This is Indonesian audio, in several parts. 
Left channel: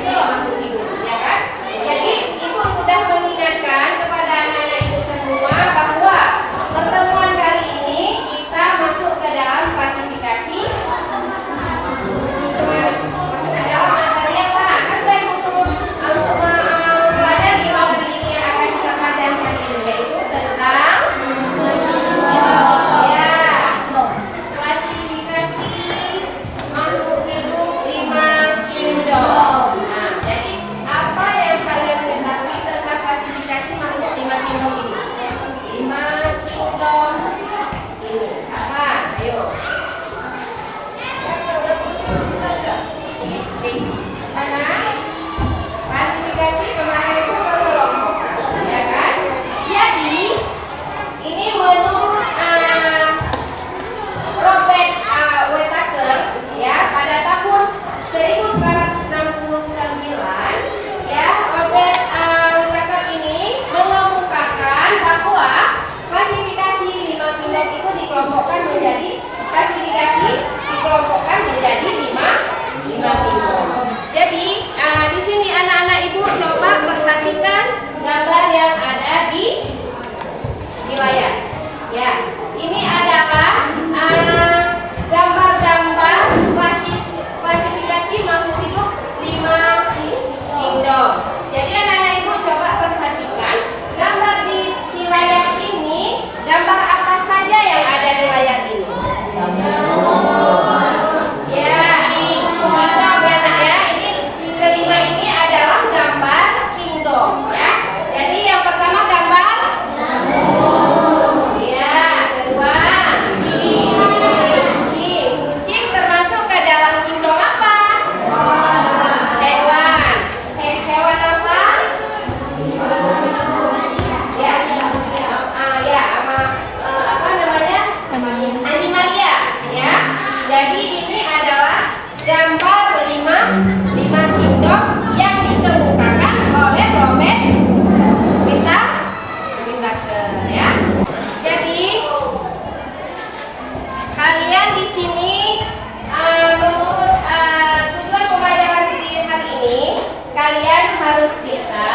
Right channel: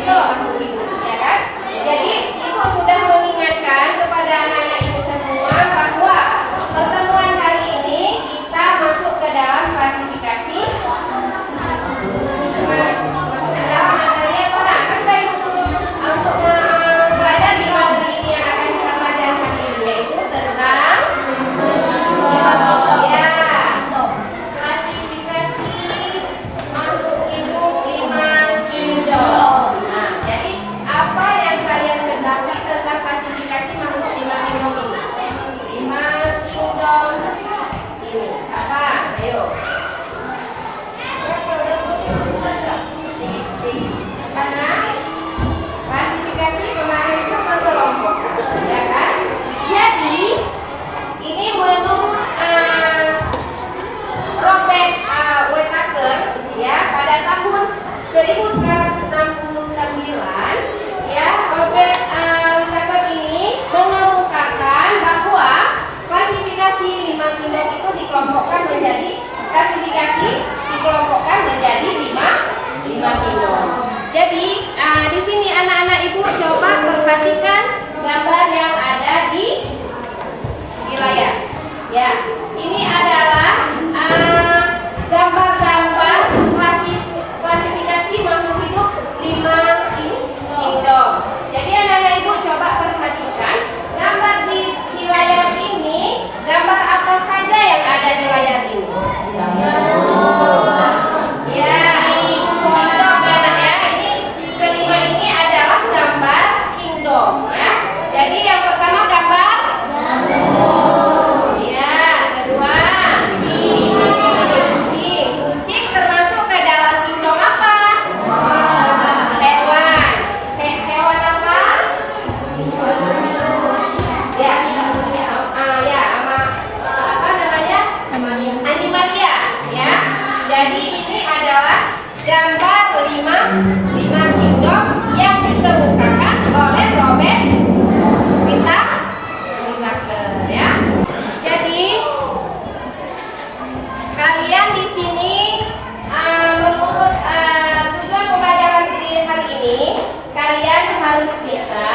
itu makhluk hidup, ya kan? Jadi ibu sudah mengingatkan kepada anak-anak ibu semua bahwa pertemuan kali ini kita masuk ke dalam klasifikasi, masuk ke dalam materi apa? Kan sudah ibu suruh untuk belajar di materi ini yang akan kita pelajari hari ini, yaitu tentang klasifikasi makhluk hidup 5 kingdom. Nah, jadi apa yang kalian ketahui tentang klasifikasi makhluk 5 kingdom ini? 5 kingdom ini apa? Ayo. Karena klasifikasi kemarin itu berkelompok, ya kan? Jadi ini menurut Robert Whittaker ya pada tahun 1969 ya Robert Whittaker ini mengemukakan bahwa klasifikasi 5 kingdom itu dikelompokkan menjadi 5 kingdom. Jadi di sini anak-anak ibu coba perhatikan gambar yang ada di layar. Ya, ini adalah gambar-gambar klasifikasi makhluk hidup 5 kingdom. Jadi anak-anak ibu coba perhatikan gambar di layar ini, gambar apa saja yang ada di layar ini? Ya, ini kelima ini adalah gambar kingdom ya. Jadi yang pertama gambar kucing termasuk ke dalam kingdom apa? Hewan. Hewan apa? Apa namanya? Animalia ya. Jadi ini adalah gambar 5 kingdom yang ditemukan oleh Robert Whittaker ya. Jadi kalian di sini menurut tujuan pembelajaran di hari ini kalian harus bisa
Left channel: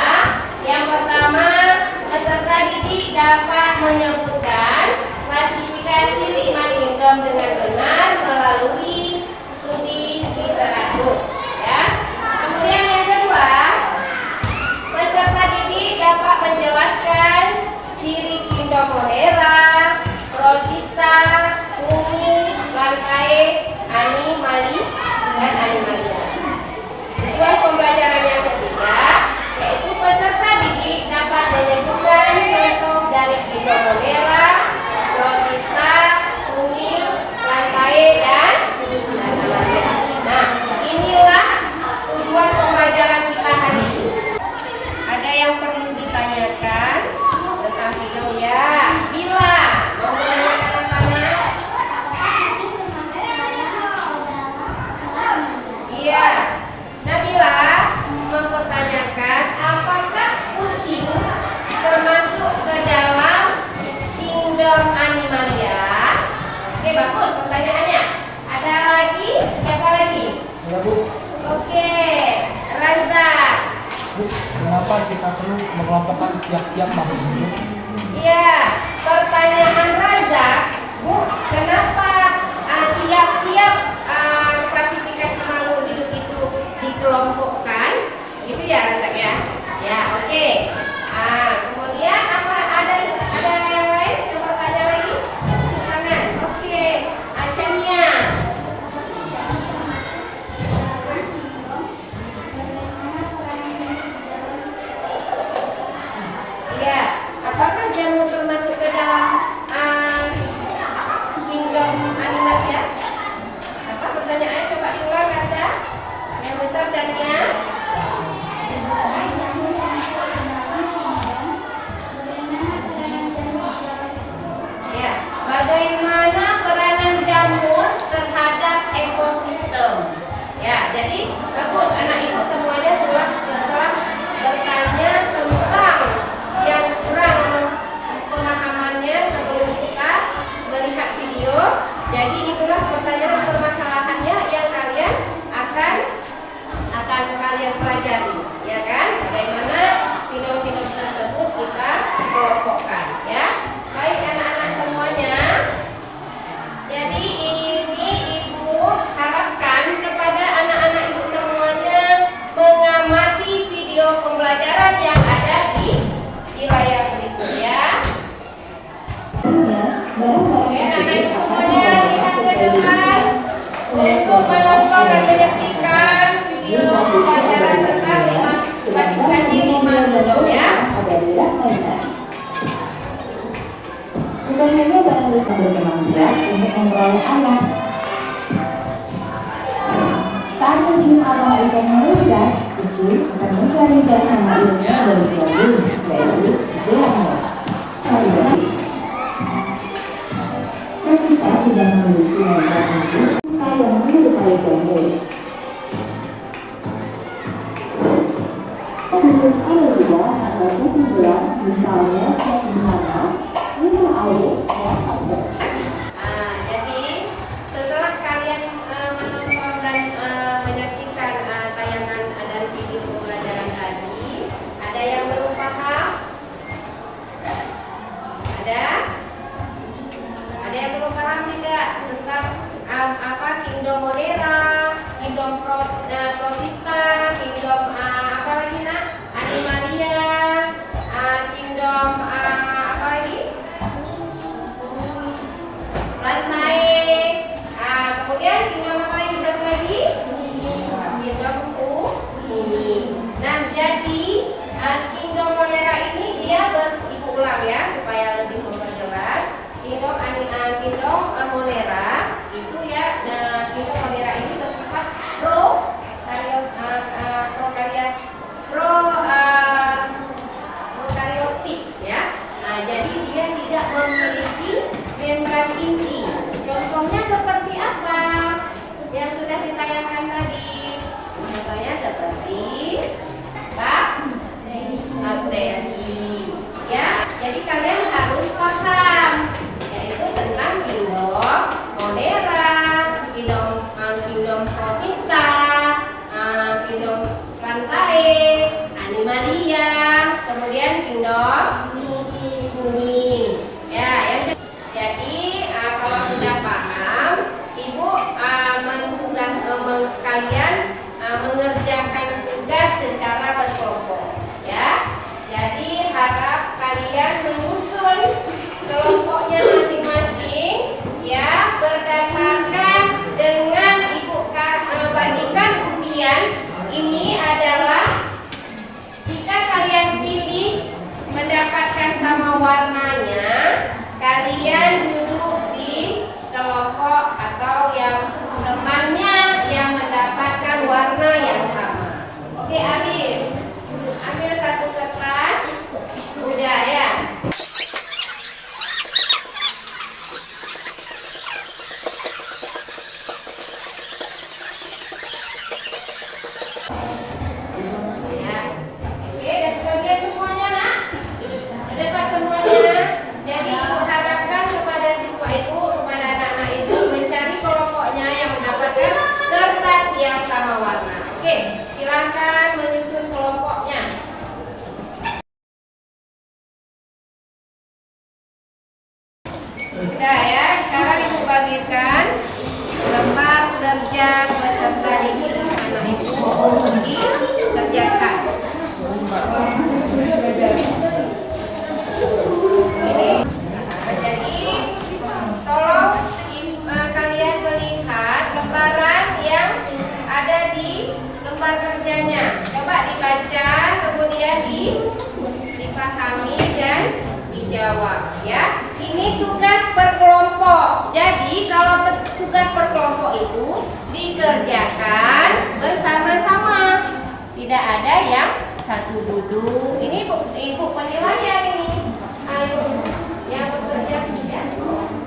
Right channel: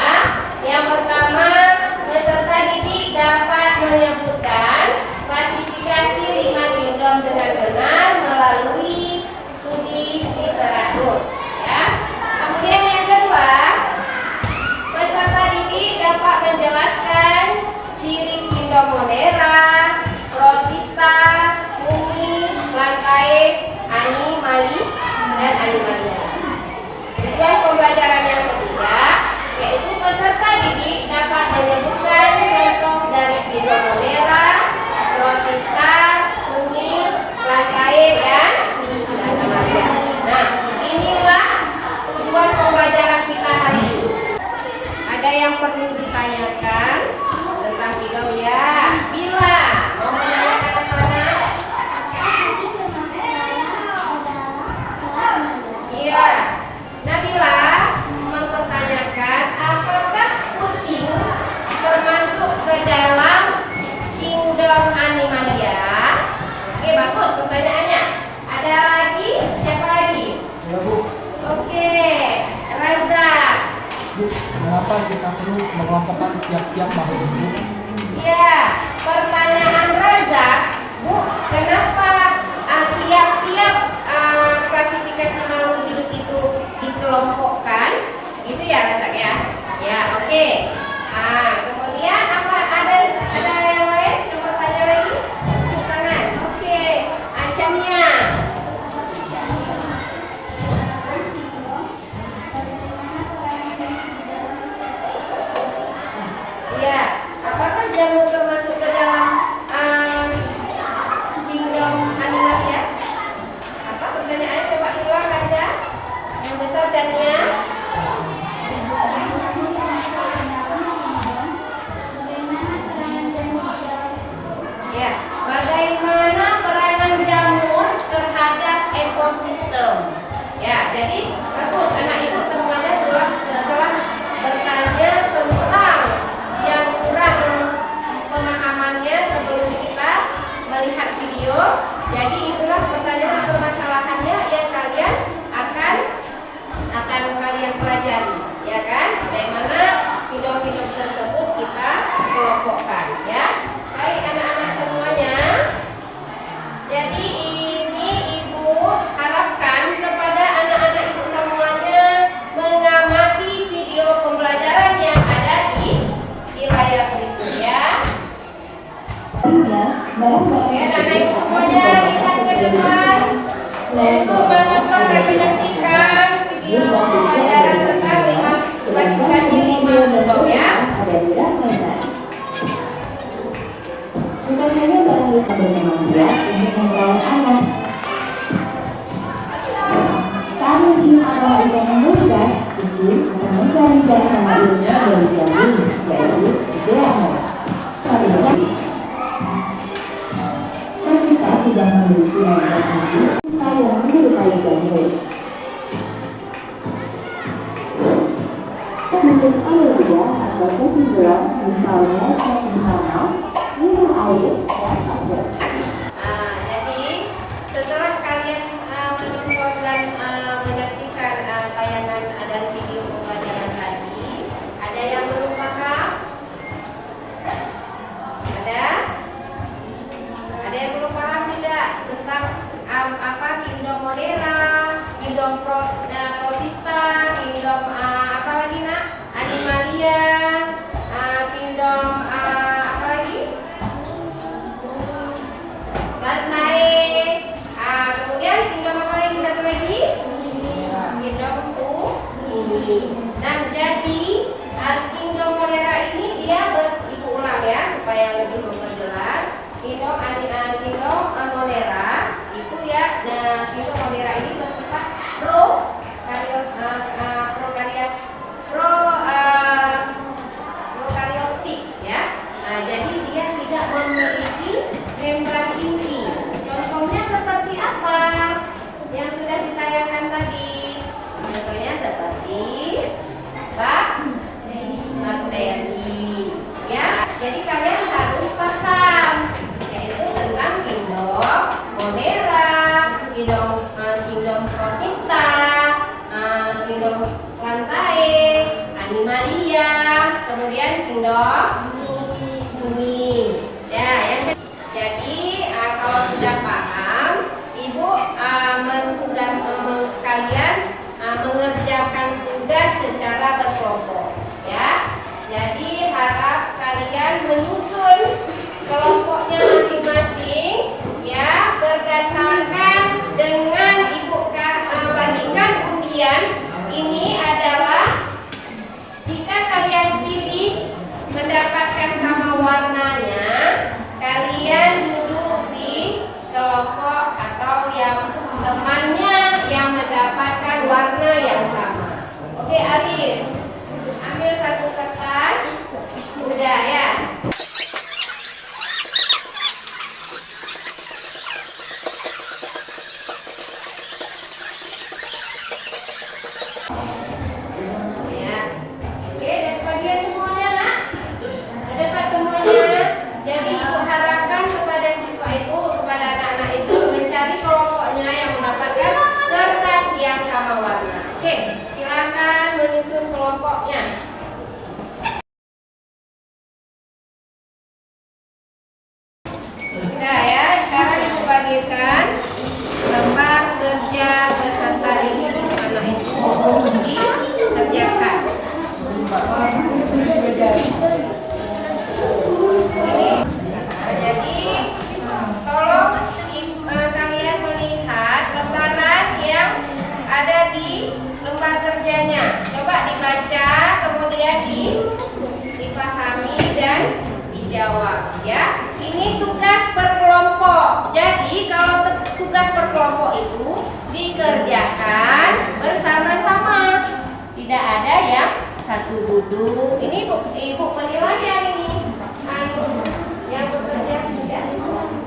yang pertama peserta didik dapat menyebutkan klasifikasi 5 kingdom dengan benar melalui studi literatur ya. Kemudian yang kedua peserta didik dapat menjelaskan ciri kingdom Monera, Protista, Fungi, Plantae, Animali, dan Animalia. Tujuan pembelajaran yang ketiga yaitu peserta didik dapat menyebutkan contoh dari kingdom Monera, Protista, Fungi, Plantae, dan Animalia. Nah, inilah tujuan pembelajaran kita hari ini. Ada yang perlu ditanyakan tentang kingdom ya? Bila mau menanyakan yang mana? Iya. Nabila mempertanyakan apakah kucing termasuk ke dalam kingdom Animalia? Oke, bagus pertanyaannya. Ada lagi? Siapa lagi? Ya, Bu. Oke, Raza. Bu, kenapa kita perlu mengelompokkan tiap-tiap makhluk hidup? Iya, pertanyaan Raza, Bu, kenapa tiap-tiap klasifikasi makhluk hidup itu dikelompokkan? Gitu ya, Raza ya? Ya, oke. Kemudian apa ada yang lain yang bertanya lagi? Tepuk tangan. Oke, Achamia. Iya, apakah jamur termasuk ke dalam kingdom Animalia? Apa pertanyaannya? Coba diulang aja. Yang besar jadinya. Ya, bagaimana peranan jamur terhadap ekosistem? Ya, jadi bagus anak ibu semuanya telah bertanya tentang yang kurang pemahamannya sebelum kita melihat video. Jadi itulah pertanyaan permasalahannya yang kalian akan kalian pelajari. pelajari, ya kan? Bagaimana kingdom-kingdom tersebut kita kelompokkan, ya. Baik anak-anak semuanya. Jadi ini Ibu harapkan kepada anak-anak Ibu semuanya mengamati video pembelajaran yang ada di layar berikut, ya. Oke, anak-anak Ibu semuanya lihat ke depan untuk menonton dan menyaksikan video pembelajaran tentang klasifikasi 5 kingdom, ya. Bukan hanya barang bisa berkembang untuk memperoleh anak. Saat mencium aroma ikan yang lezat, kucing akan mencari darah madunya dari jagung, yaitu DNA. Dan kita tidak memiliki nomor kunci yang menyerupai jagung. Untuk alergia atau cacing belang, misalnya cacing tanah, minum air dan air. Jadi setelah kalian menonton dan menyaksikan tayangan dari video pembelajaran tadi, ada yang belum paham? Ada yang belum paham tidak tentang apa kingdom Monera, kingdom Protista, kingdom apa lagi nak? Animalia, kingdom apa lagi? Lantai. Kemudian kingdom apa lagi? Satu lagi? Kingdom Bumi. Nah, jadi kingdom Monera ini dia ibu ulang ya supaya lebih memperjelas. Kingdom Monera itu ya, kingdom Monera ini bersifat prokaryotik ya. Jadi dia tidak memiliki membran inti. Contohnya seperti apa? Yang sudah ditayangkan tadi. Contohnya seperti bakteri. Ya, jadi kalian harus paham yaitu tentang kingdom Monera, kingdom Protista, kingdom Lantae, Animalia, kemudian kingdom Bumi. Ya, jadi kalau sudah paham, Ibu kalian mengerjakan tugas secara berkelompok. Ya, jadi harap kalian menyusun kelompoknya masing-masing, ya, berdasarkan dengan Ibu bagikan undian. Ini adalah jika kalian pilih mendapatkan sama warnanya, kalian duduk di kelompok atau yang temannya yang mendapatkan warna yang sama. Oke, Alif, ambil satu kertas. Udah ya. Udah ya, sekarang Ibu bagikan lembar kerja peserta didik anak Ibu dikerjakan. Jadi tolong kalian melihat lembaran yang ada di lembar kerjanya. Coba dibaca, kemudian dipahami dan dijawab ya. Ini tugas berkelompok. Jadi kalau tugas berkelompok itu dikerjakan bersama-sama. Tidak ada yang satu duduk. Ini ibu penilaian ini. Yang bekerja tidak.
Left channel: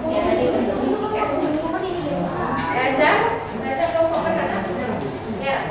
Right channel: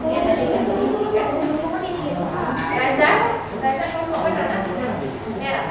Yang tadi tertuliskan. Raza kelompok mana? Merah.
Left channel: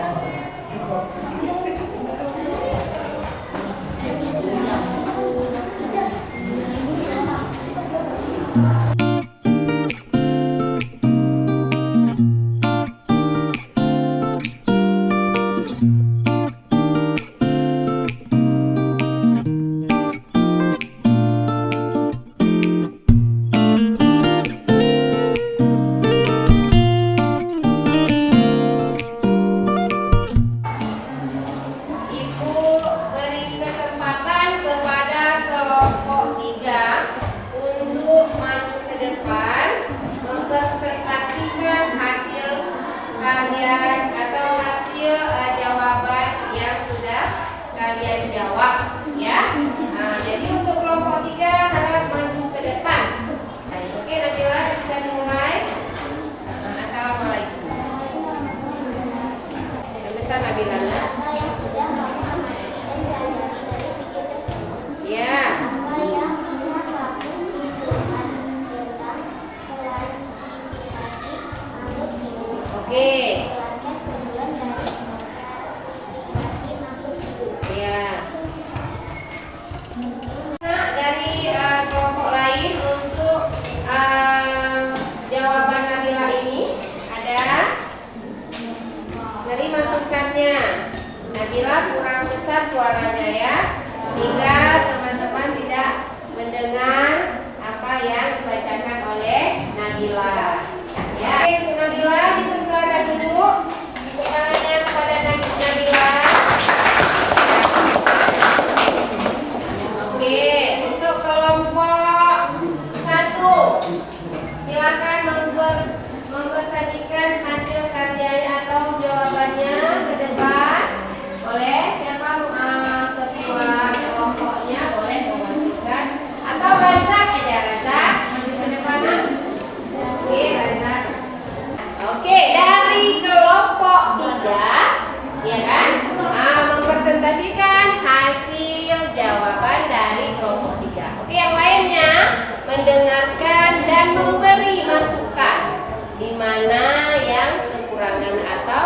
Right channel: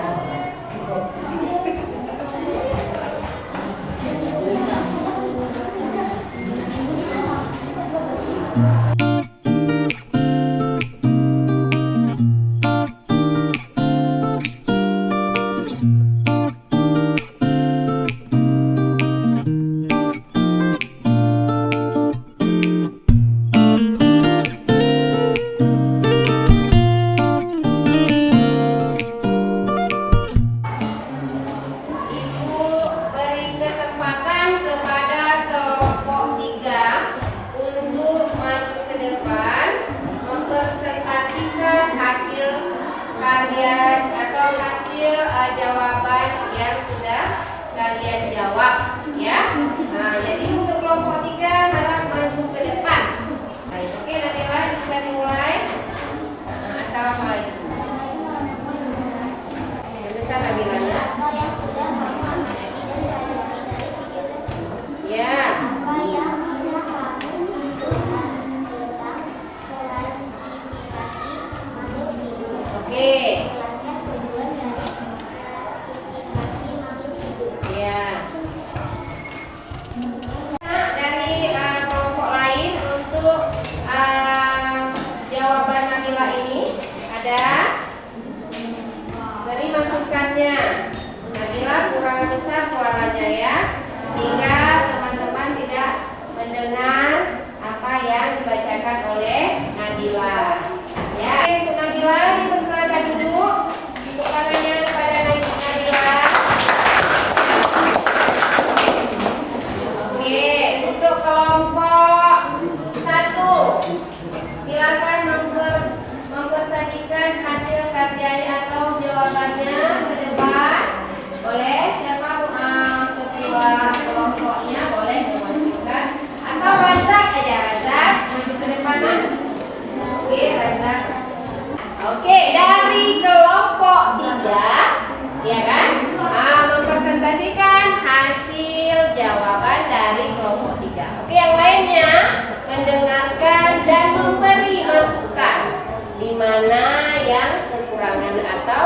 jawab, ya. Nah, jadi untuk kelompok 3 harap maju ke depan. Nah, oke, Nabila bisa dimulai. Nah, assalamualaikum. Pesan Nabila ya. Apa yang sudah kamu amati dan pelajari dari video tersebut? Ya. Apa yang bisa kamu simpulkan tentang klasifikasi makhluk hidup? Oke. Jelaskan tujuan dari klasifikasi makhluk hidup. Ya. Nah, dari kelompok lain untuk jawaban Nabila ini ada dari masukannya. Nabila kurang besar suaranya ya, sehingga teman-teman tidak mendengar apa yang dibacakan oleh Nabila. Ya, untuk Nabila dipersilakan duduk. Tepuk tangannya kepada Nabila. Oke, untuk kelompok 1, silakan mempersajikan hasil karyanya atau jawabannya ke depan. Boleh, siapa ketua kelompoknya boleh memajukan, atau Razak aja, Razak maju ke depan. Oke, Razak. Oke, dari kelompok 3, ya kan, mempresentasikan hasil jawaban dari kelompok 3. Oke, yang lainnya mendengarkan dan memberi masukan di mana yang kekurangan atau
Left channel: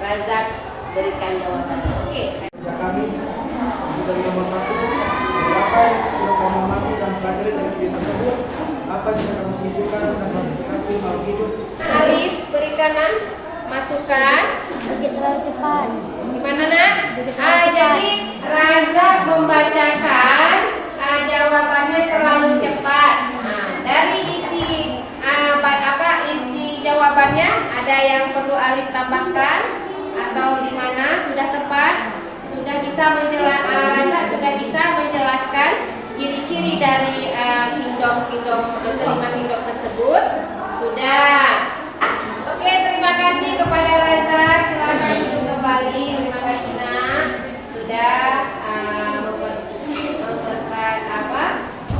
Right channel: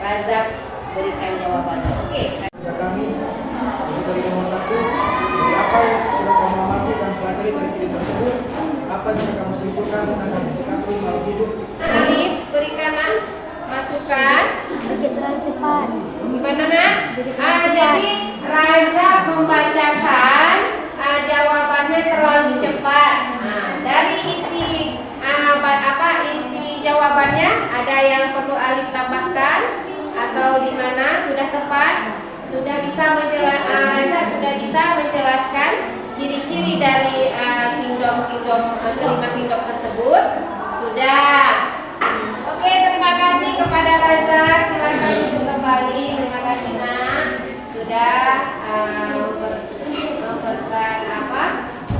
Razak berikan jawabannya. Oke. Ya kami dari nomor 1, dari apa yang sudah kamu amati dan pelajari dari video tersebut, apa yang bisa kamu simpulkan tentang klasifikasi makhluk hidup? Alif berikan masukan. Sedikit terlalu cepat. Gimana nak? Jadi Raza membacakan jawabannya terlalu cepat. Nah, dari isi isi jawabannya ada yang perlu Alif tambahkan atau di mana sudah tepat, sudah bisa Raza sudah bisa menjelaskan ciri-ciri dari kingdom kelima kingdom tersebut sudah. Oke, terima kasih kepada Reza. Silakan duduk kembali. Terima kasih nak sudah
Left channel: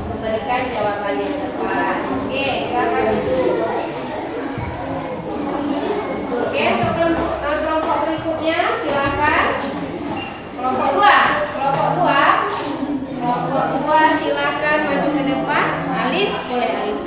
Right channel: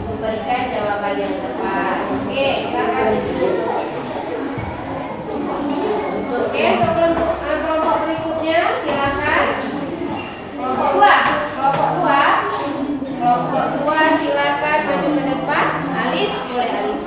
memberikan jawaban yang tepat. Oke, silakan duduk. Oke, untuk kelompok berikutnya silakan. Kelompok 2 silakan maju ke depan. Alif, boleh Alif.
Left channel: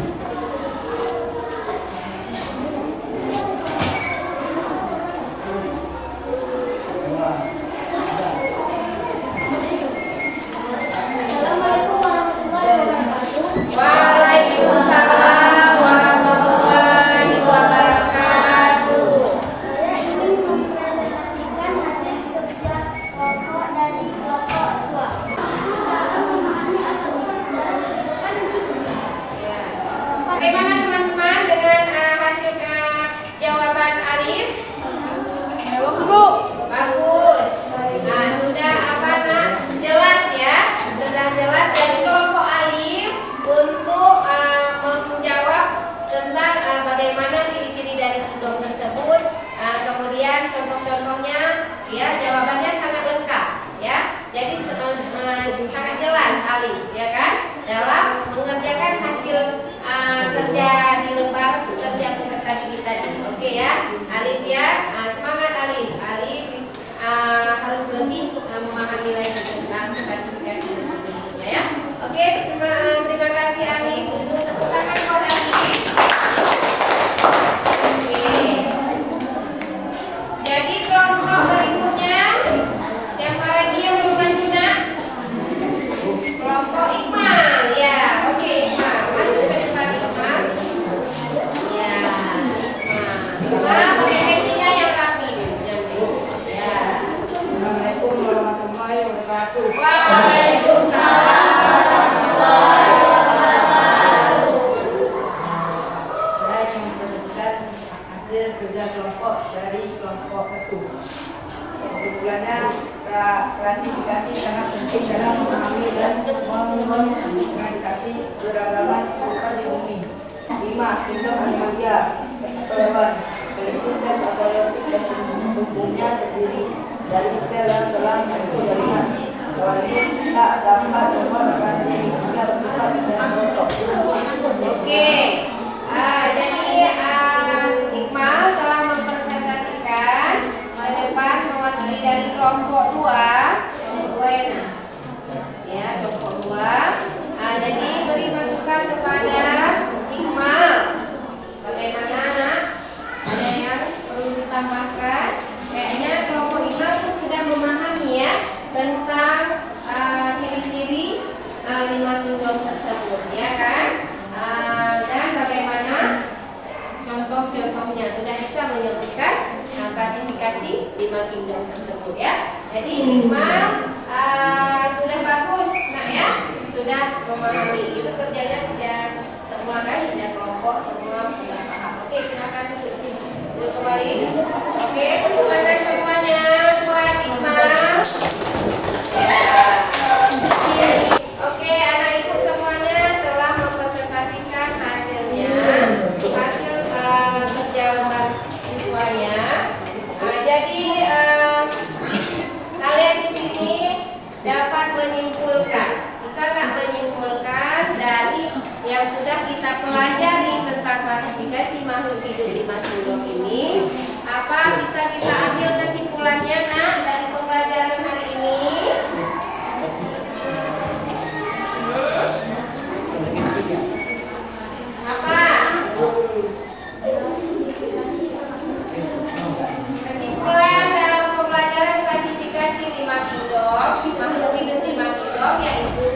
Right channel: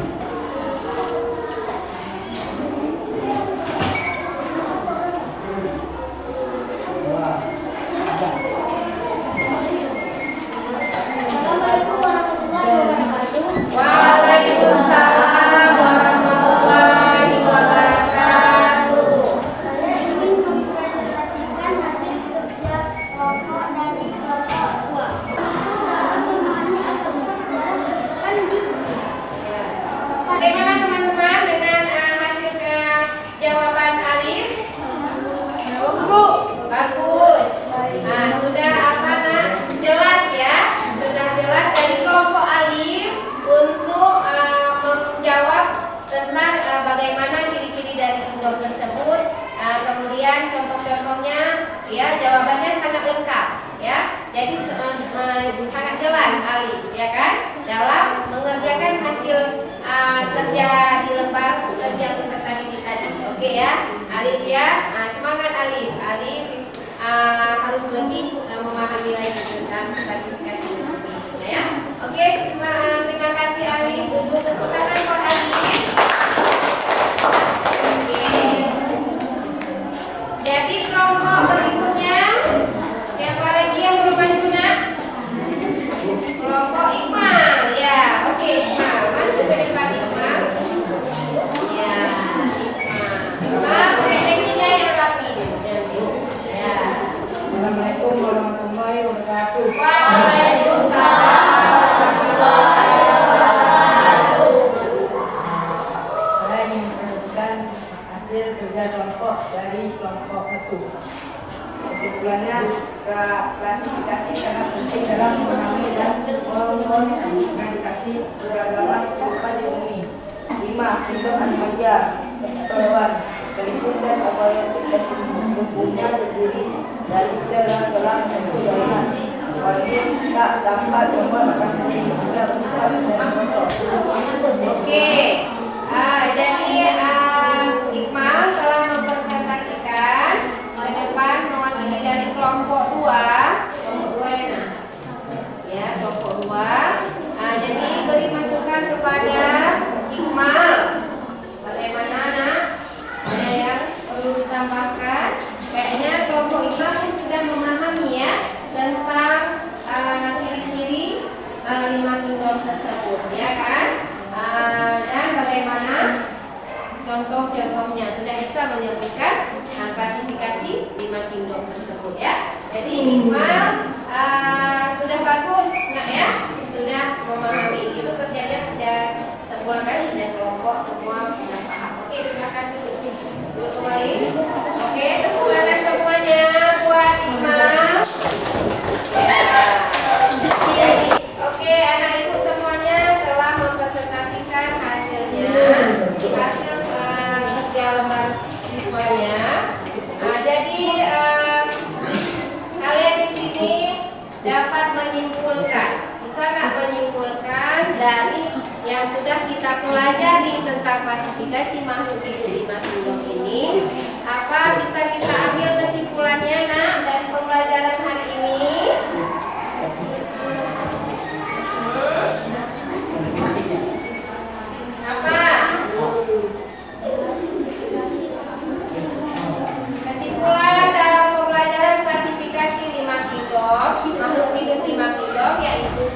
Assalamualaikum warahmatullahi wabarakatuh. Waalaikumsalam warahmatullahi wabarakatuh. Saya ingin mempresentasikan hasil kerja kelompok dari kelompok 2. Dalam memahami asal-usul dalam kehidupan di dunia. Bagaimana teman-teman dengan hasil jawaban Alif? Bagus. Nah, sudah apa nak? Jelas ya. Sudah jelas dari kelompok Alif untuk menjawab tentang bagaimana ciri-ciri dari kingdom tersebut. Kemudian contoh-contohnya, ya jawabannya sangat lengkap, ya. Jadi sangat jelas Alif, ya kan, dalam mengerjakan hasil kerja di lembar kerja peserta didik tadi. Oke ya, Alif ya. Semangat Alif. Alif harus lebih memahami lagi tentang klasifikasi Indonesia ya. Oke, terima kasih Alif. Duduk, tepuk tangan buat Alif. Oke. Jadi kelompok berikutnya siapa lagi yang belum maju nak? Kelompok Iqmal ya. Oke, Iqmal maju ke depan Iqmal. Ya. Nah, pakai pensilnya yang rapi. Ya. Assalamualaikum warahmatullahi wabarakatuh. Waalaikumsalam warahmatullahi wabarakatuh. Saya ingin menunjukkan hasil kerja kelompok dari kelompok 1. Kesimpulannya, klasifikasi sangat penting dalam memahami dan mengorganisasi beragaman kehidupan di bumi. 5. Kingdom animalia atau hewan. Memiliki sel abiyotik dan tubuhnya terdiri dari sel yang telah bentuk jaringan. kecuali tak dapat memenuhi hingga bersifat dan produk. Oke. Jadi Iqmal telah mempresentasikan ke depan mewakili dari kelompok 2. Kelompok 2 ya, Nak? Ya, kelompok 2. Jadi beri masukan kepada Iqmal. Bagaimana, Nak? Ada yang perlu ditambahkan? Kayaknya kelompok Iqmal pun sudah memahami ya tentang ciri-ciri 5 kingdom tersebut, ya kan? Dan bagaimana contoh-contohnya, sudah bisa menyebutkan klasifikasi 5 kingdom tersebut ya. Jadi Iqmal sudah bagus, Nak ya, sudah memahami. Itu kerjanya kerja sebuah kan, kerja kelompok, semua sudah paham. Oke, silakan duduk kembali. Oke, tepuk tangan semuanya buat Iqmal. Ya. Oke, anak ibu semuanya telah mempresentasikan hasilnya, hasil kerja mahasiswanya. Jadi kalian di sini dapat menyimpulkan, bisa nggak menyimpulkan dari yang sudah kita pelajari tentang klasifikasi makhluk hidup 5 kingdom ini? Apa bisa kita ambil kesimpulannya, Nak, dari pembelajaran hari ini? Apa? Kesimpulan dalam pembelajaran klasifikasi 5 kingdom, makhluk hidup 5 kingdom, yaitu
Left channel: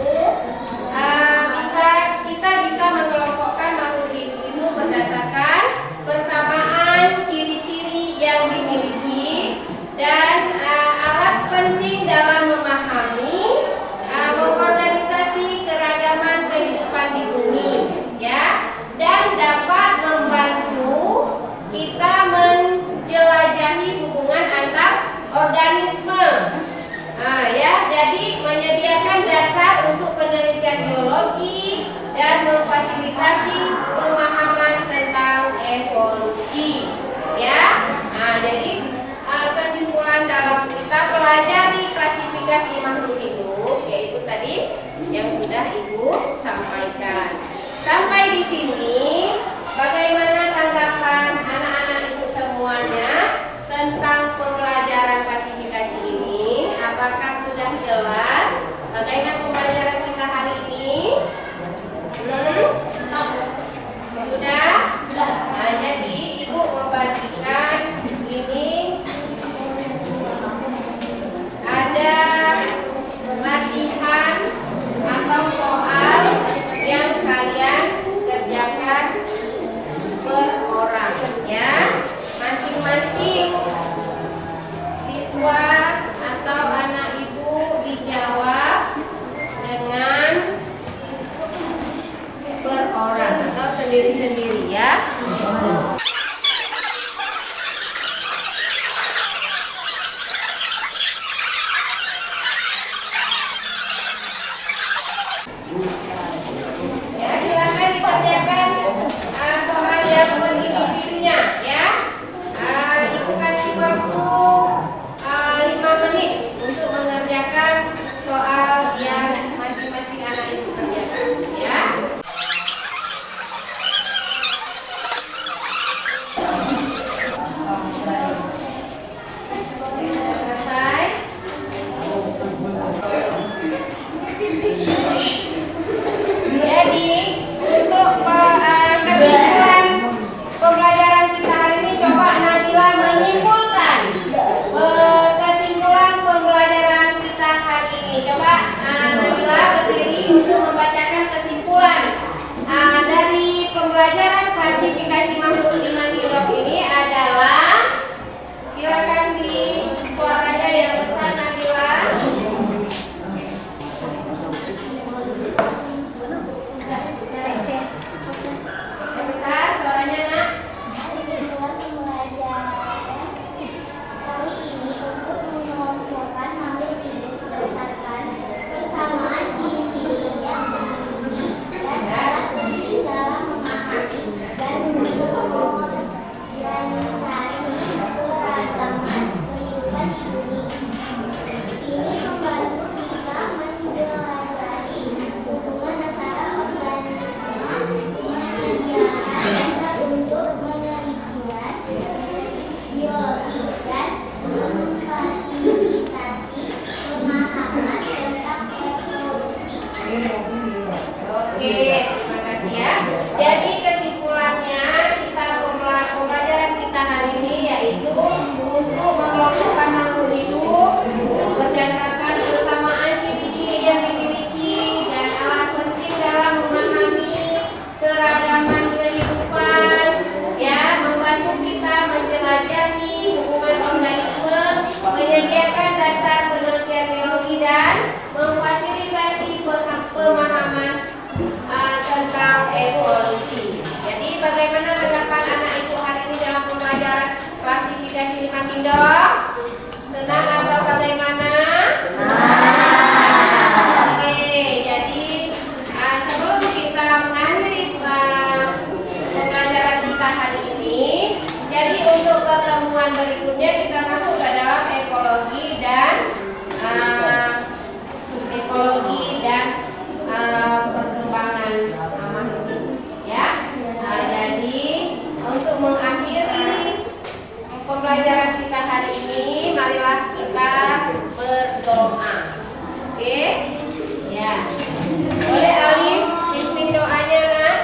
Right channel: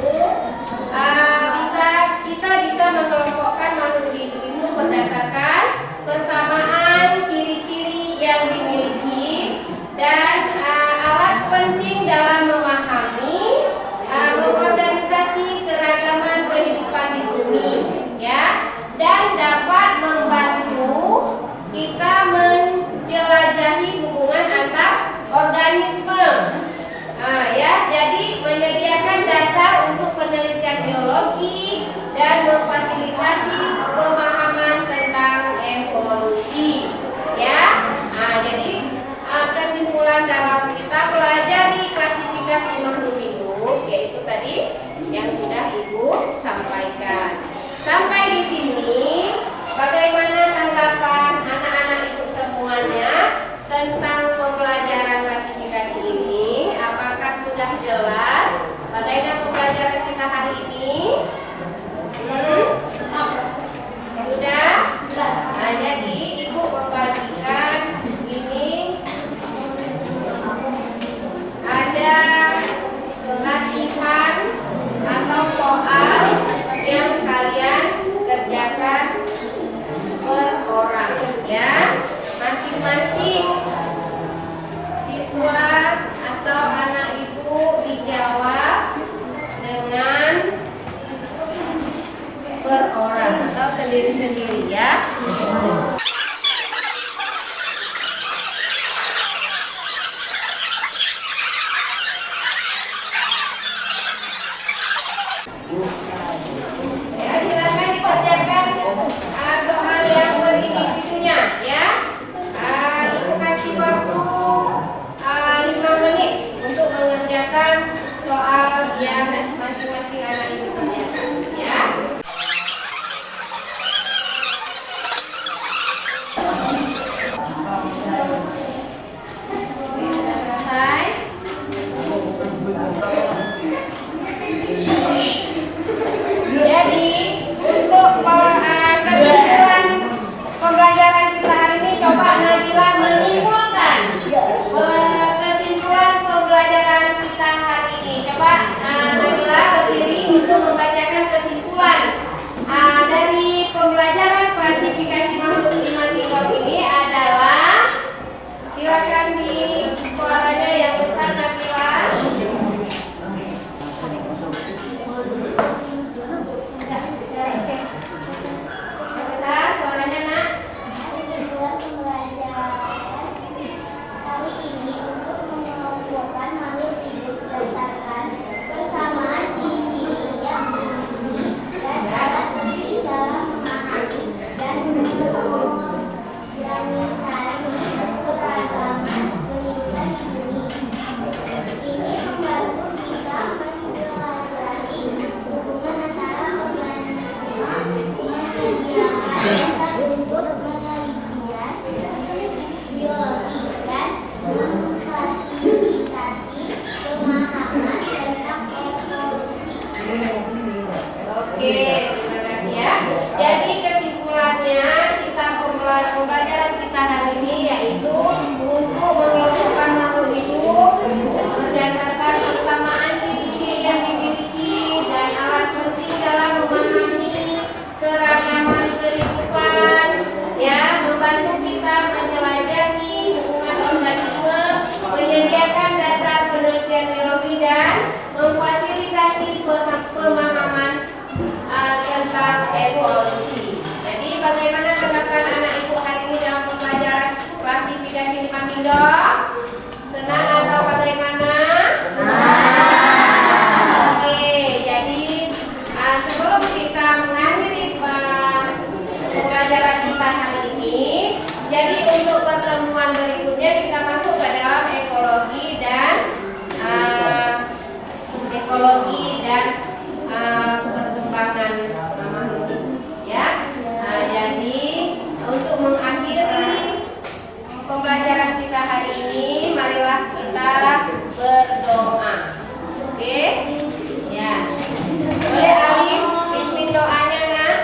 kita bisa mengelompokkan makhluk hidup itu berdasarkan persamaan ciri-ciri yang dimiliki dan alat penting dalam memahami mengorganisasi keragaman kehidupan di bumi, ya, dan dapat membantu kita menjelajahi hubungan antar organisme. Ya, jadi menyediakan dasar untuk penelitian biologi dan memfasilitasi pemahaman tentang evolusi, ya. Jadi kesimpulan dalam kita pelajari klasifikasi makhluk hidup yaitu tadi yang sudah Ibu sampaikan. Sampai di sini, bagaimana tanggapan anak-anak Ibu semuanya tentang pembelajaran klasifikasi ini? Apakah sudah jelas bagaimana pembelajaran kita hari ini? Sudah? Nah, jadi Ibu membagikan ini ada latihan atau soal yang kalian kerjakan per orang, ya. Masing-masing siswa atau anak Ibu dijawab dengan per orang atau sendiri-sendiri, ya. Ya, silakan dikerjakan soal yang berindividunya, ya. Ibu kasih waktu 5 menit untuk mengerjakan soal yang masing-masing anak Ibu kerjakan, ya. Selesai. Jadi untuk kesimpulan pembelajaran kita hari ini, coba Nabila menyimpulkan kesimpulan pembelajaran kita hari ini. Coba Nabila berdiri untuk membacakan kesimpulan dari pembelajaran klasifikasi makhluk 5 kingdom ini adalah, silakan di suaranya yang besar Nabila. Besar suaranya, Nak. Kesimpulan pembelajaran hari ini untuk mengelompokkan makhluk hidup berdasarkan persamaan ciri-ciri yang dimiliki dan alat penting dalam memahami dan kita hari ini. Jadi untuk pertemuan berikutnya kita masuk ke dalam ekologi dan perkembangan makhluk hidup, ya. Jadi untuk mengakhiri pembelajaran kita hari ini, marilah kita berdoa. Oke? Ya. Boleh Alif pimpin doanya, Nak?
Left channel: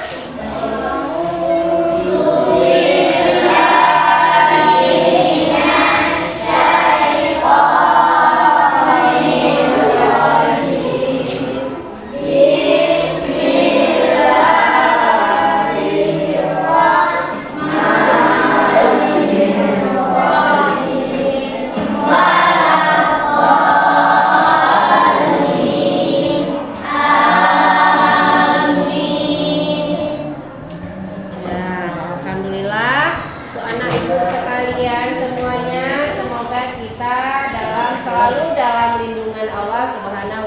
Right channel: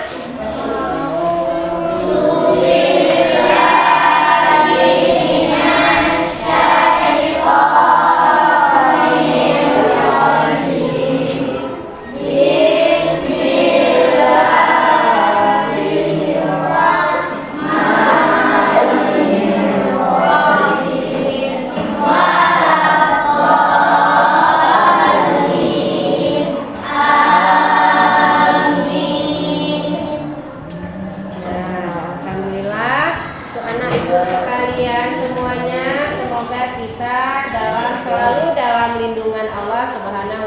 Alhamdulillah, untuk anak ibu sekalian semuanya, semoga kita selalu dalam lindungan Allah Subhanahu